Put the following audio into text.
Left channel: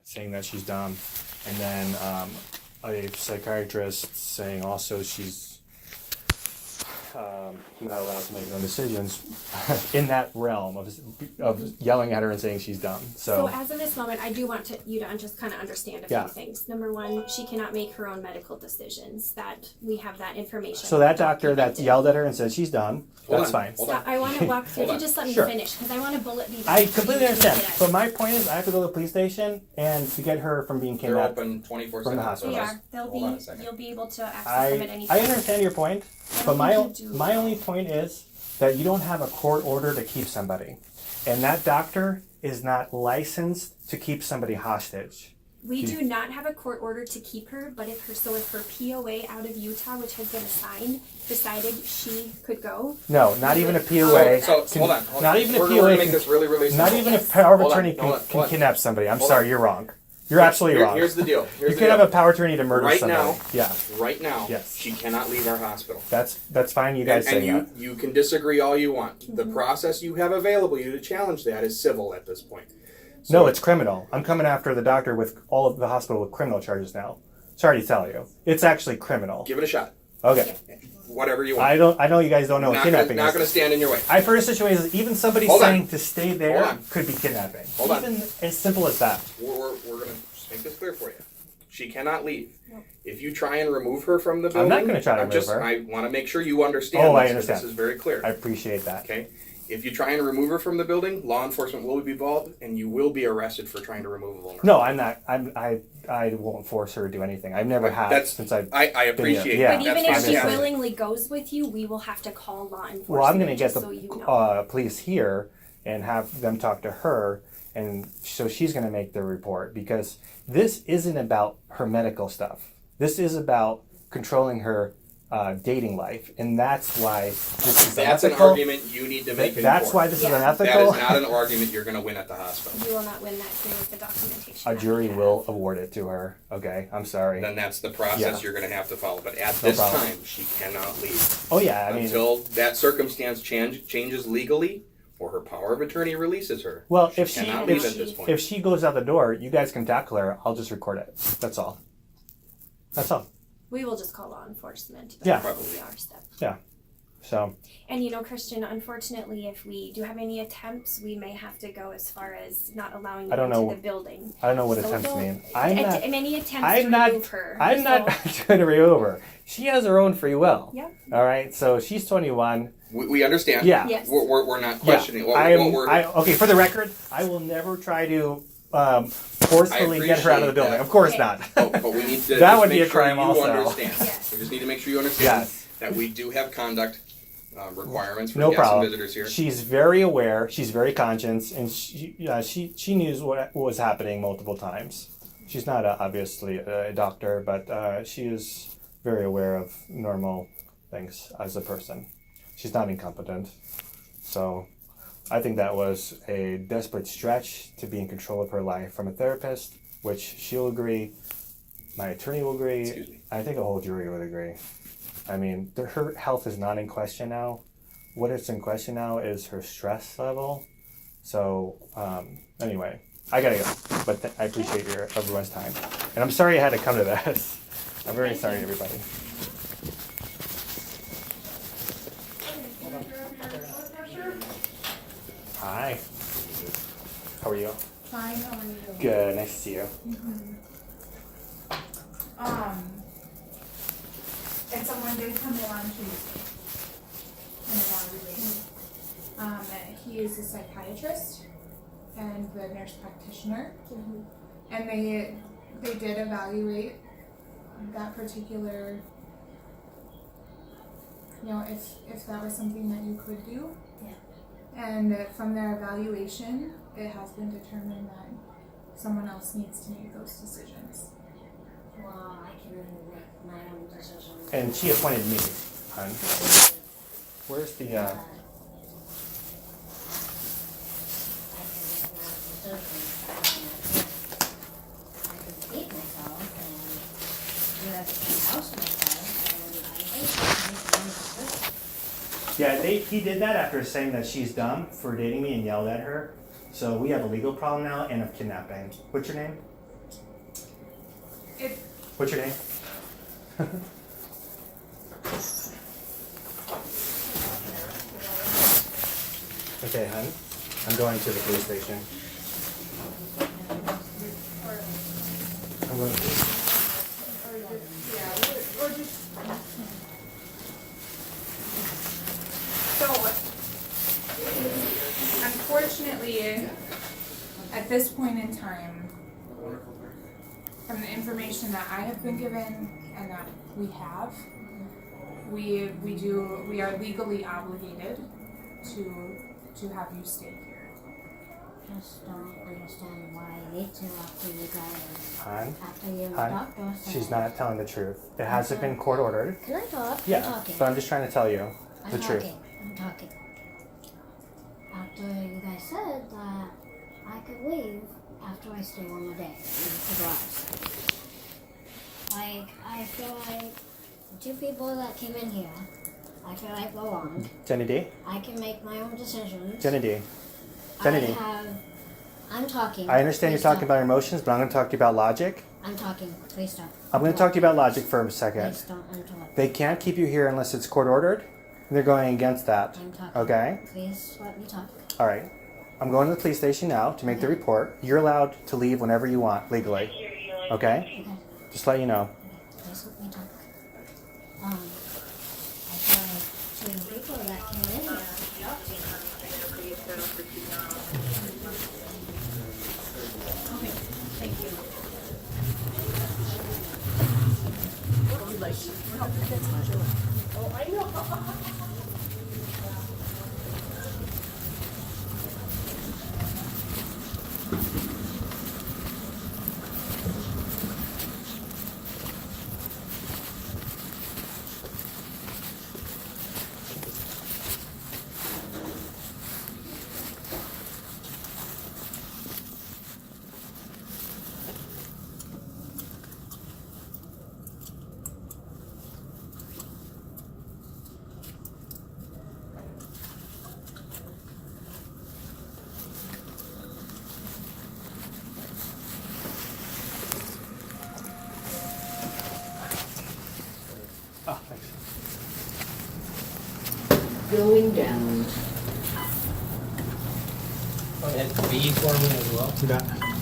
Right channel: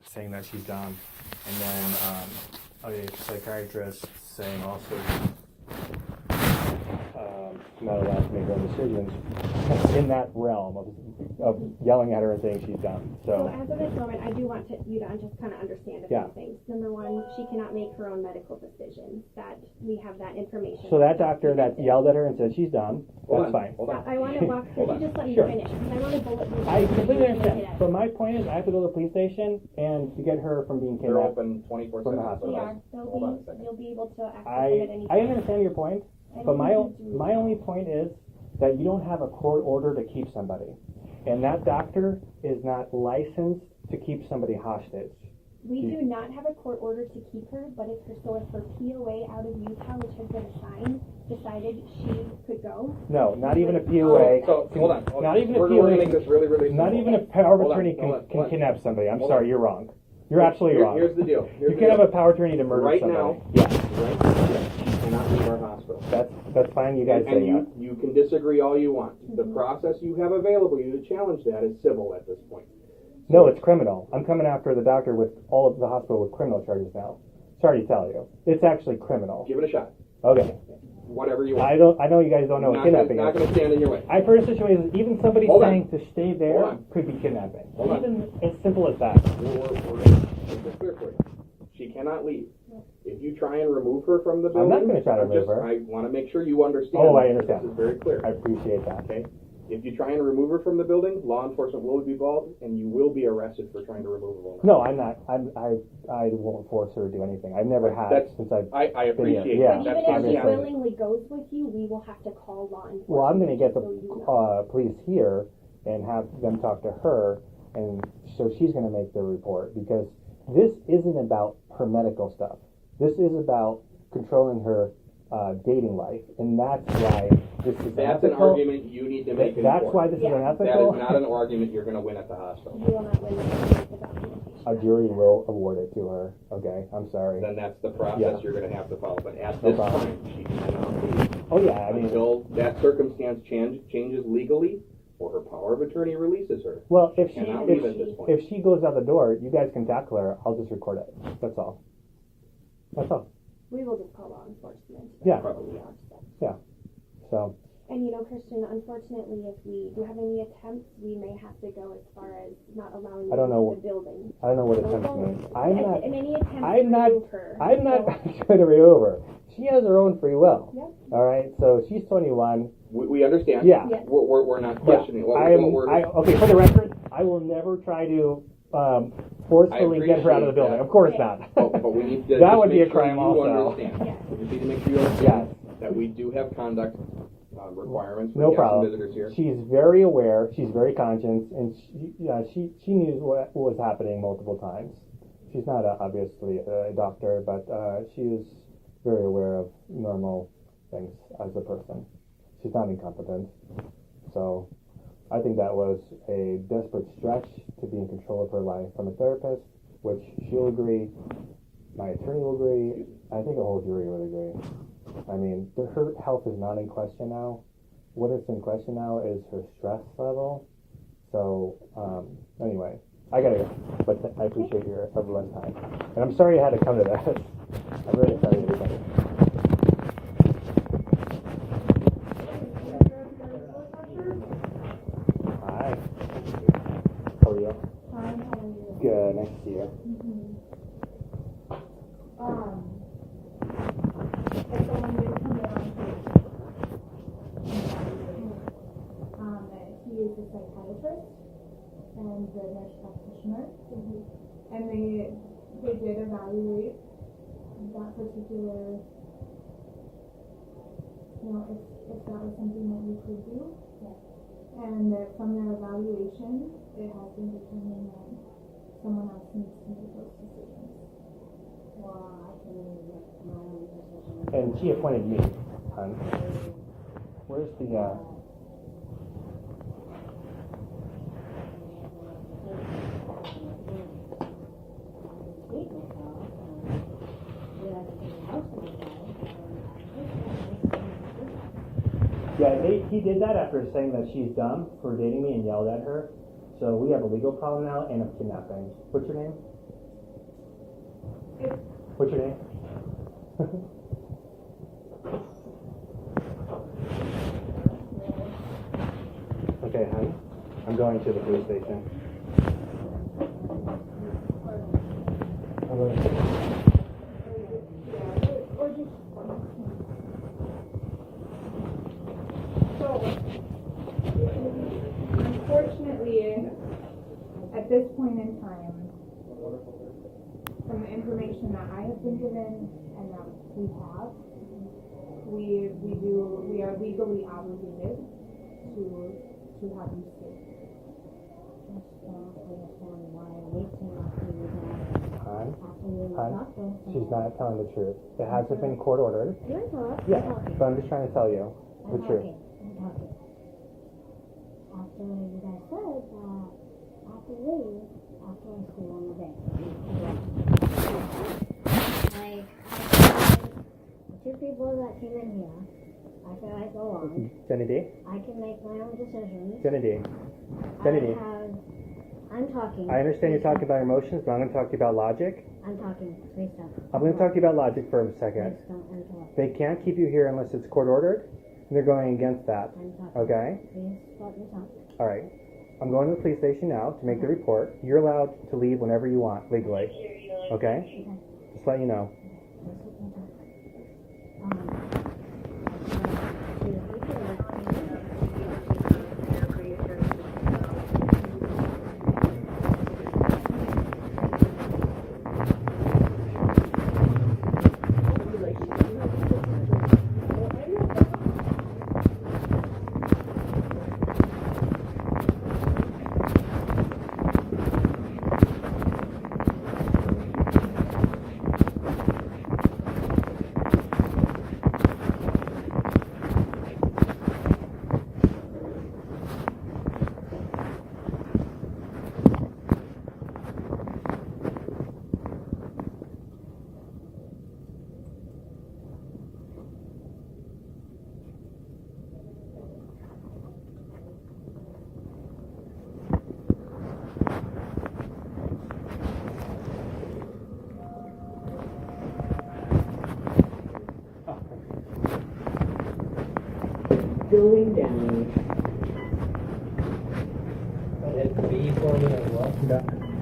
saying that she's dumb, and then a psychiatrist saying also she's not allowed to make her own decisions in that realm of yelling at her and saying she's dumb. So as of this moment, I do want you to just kind of understand a few things. Number one, she cannot make her own medical decisions. That we have that information. So that doctor that yelled at her and said she's dumb, that's fine. Stop. I want to walk through. If you just let me finish, because I want to bullet these. I completely understand. So my point is, I have to go to the police station and to get her from being kidnapped. They're open 24/7. They are. You'll be able to access them at any time. I understand your point, but my only point is that you don't have a court order to keep somebody, and that doctor is not licensed to keep somebody hostage. We do not have a court order to keep her, but if her POA out of Utah, which has been assigned, decided she could go. No, not even a POA. So hold on. Not even a POA. We're gonna make this really simple. Not even a power of attorney can kidnap somebody. I'm sorry, you're wrong. You're absolutely wrong. Here's the deal. You can have a power of attorney to murder somebody. Right now, she cannot leave our hospital. That's fine. You guys and you can disagree all you want. Mm-hmm. The process you have available you to challenge that is civil at this point. So, no, it's criminal. I'm coming after the doctor with all of the hospital with criminal charges now. Sorry to tell you, it's actually criminal. Give it a shot. Okay. Whatever you want. I know you guys don't know what kidnapping is. Not going to stand in your way. I've heard situations, even somebody saying to stay there could be kidnapping. Even as simple as that. We're going to make this clear for you. She cannot leave. Nope. If you try and remove her from the building, I'm not going to try to remove her. I want to make sure you understand. I understand. This is very clear. I appreciate that. Okay. If you try and remove her from the building, law enforcement will be involved, and you will be arrested for trying to remove a vulnerable. No, I'm not. I won't force her to do anything. I've never had since I've. I appreciate that. But even if she willingly goes with you, we will have to call law enforcement. Well, I'm going to get the police here and have them talk to her, and so she's going to make the report, because this isn't about her medical stuff. This is about controlling her dating life, and that's why this is That's an argument you need to make. That's why this is unethical. That is not an argument you're going to win at the hospital. You will not win that with the documentation. A jury will award it to her. Okay, I'm sorry. Then that's the process you're going to have to follow. But at this time, she cannot leave. Oh yeah, until that circumstance changes legally, or her power of attorney releases her. Well, if she goes out the door, you guys can tackle her. I'll just record it. That's all. That's all. We will just call law enforcement. That's probably our step. Yeah. So. And Christian, unfortunately, if we do have any attempts, we may have to go as far as not allowing you into the building. I don't know what attempts mean. Any attempts to remove her. I'm not trying to remove her. She has her own free will. Yeah. All right. So she's 21. We understand. Yeah. Yes. We're not questioning. Okay. For the record, I will never try to forcefully get her out of the building. Of course not. But we need to that would be a sure crime you also. Understand. Yes. We just need to make sure you understand that we do have conduct requirements for guests and visitors here. She's very aware. She's very conscious, and she knew what was happening multiple times. She's not obviously a doctor, but she is very aware of normal things as a person. She's not incompetent, so. I think that was a desperate stretch to be in control of her life from a therapist, which she'll agree, my attorney will agree, I think a whole jury would agree. I mean, her health is not in question now. What is in question now is her stress level. So, anyway, I gotta go, but I appreciate everyone's time. And I'm sorry I had to come to this. I'm very sorry, everybody. How are you? Fine, how are you? Good, nice to see you. Mm-hmm. If someone did come in on Tuesday, he is a psychiatrist and the nurse practitioner, and they did evaluate that particular, if that was something that you could do. Yeah. And from their evaluation, it has been determined that someone else needs to make those decisions. Well, I can make my own decisions. And she appointed me. Where's the Yeah, he did that after saying that she's dumb for dating me and yelled at her. So we have a legal problem now and of kidnapping. What's your name? If What's your name? Okay, hon. I'm going to the police station. I'm going to- or just so unfortunately at this point in time, from the information that I have been given and that we are legally obligated to have you stay here. Just don't understand why I need to after you guys. Hon, After you and the hon, doctor said. she's not telling the truth. It hasn't been court ordered. Can I talk? Yeah, I'm talking. but I'm just trying to tell you the truth. I'm talking. After you guys said that I could leave after I stay one more day to drugs. Like, I feel like the two people that came in here, I feel like belonged. Jenedie? I can make my own decisions. Jenedie? I'm talking. I understand you're Please talking don't. about your emotions, but I'm going to talk to you about logic. I'm talking. Please don't. I'm going to talk to you about logic for a second. Please don't interrupt. They can't keep you here unless it's court ordered. They're going against that. I'm talking. Okay? Please let me talk. All right. I'm going to the police station now to make the report. You're allowed to leave whenever you want legally. Okay? Okay. Just let you know. Please let me talk. I feel like two people that came in here. Oh, thanks. Going down. Hit B for me as well. Yeah.